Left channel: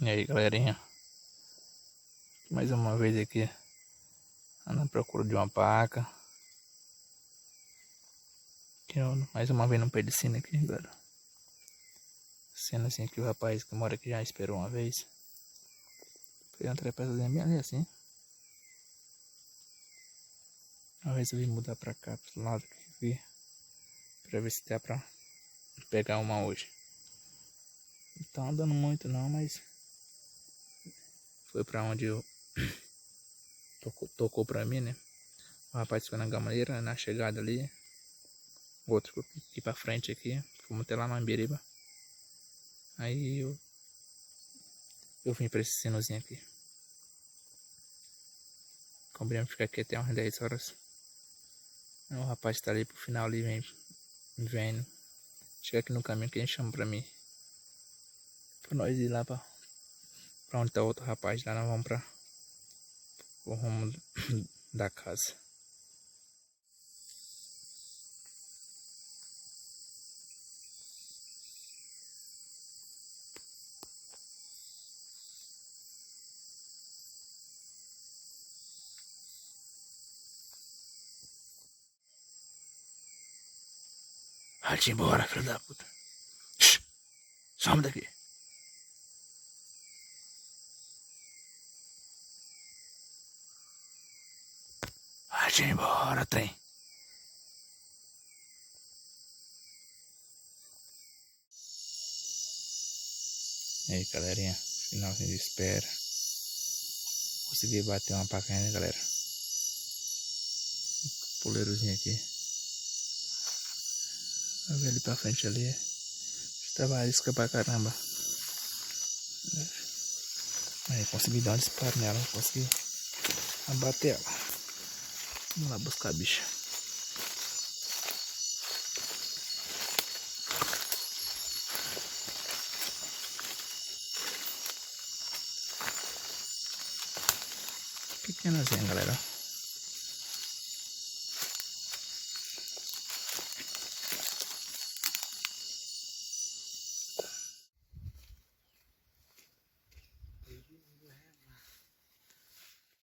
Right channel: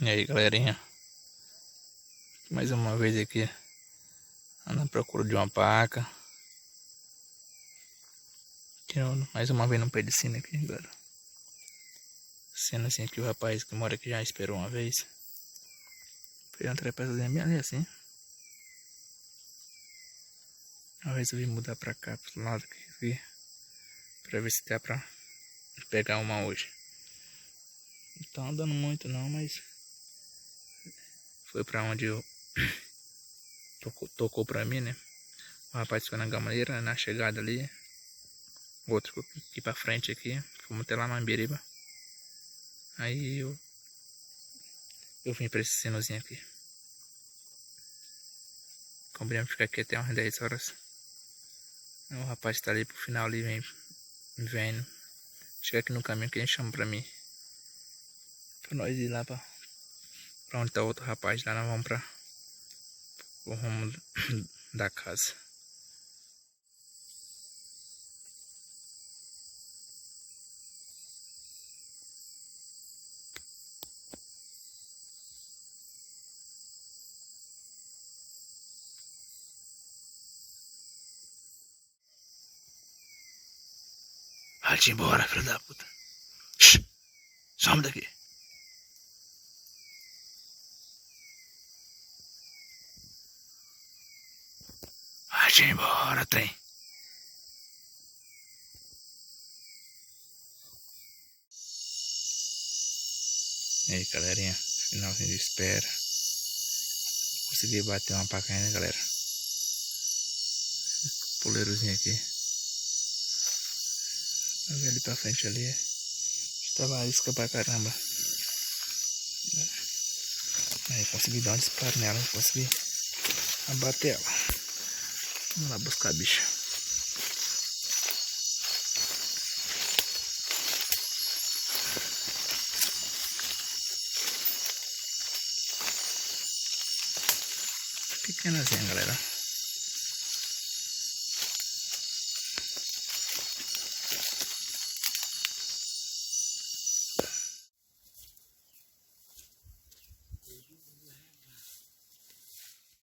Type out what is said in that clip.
E aí, galerinha, mais uma vez aqui ando à procura de uma paca. Mais uma vez no pé de sino aqui, galera. Sendo assim que o rapaz que mora aqui já esperou uma vez. Foi uma trepaçazinha bem ali assim. Eu resolvi mudar pra cá, pro lado aqui, pra ver se dá pra pegar uma hoje. Não tá andando muito não, mas foi pra onde eu tocou pra mim, né? O rapaz foi na gamaleira, na chegada ali. O outro ficou aqui pra frente aqui. Fomos até lá na Ambiriba. Aí eu vim pra esse sinozinho aqui. Combinamos ficar aqui até umas 10 horas. O rapaz tá ali pro final ali, vendo. Chega aqui no caminho que ele chama pra mim. Pra nós ir lá pra onde tá o outro rapaz. Lá nós vamos pra o rumo da casa. Vai-te embora, filho da puta. Shhh, some daqui. Vai-te embora, trem. E aí, galerinha, finalzinho de espera. Consegui bater uma paca, né, galera? Poleirozinho aqui. Vai ver ali pra frente ali. Tava isca pra caramba. Aí consegui dar um disparo nela, consegui abater ela. Vamos lá buscar a bicha. Pequenazinha, galera.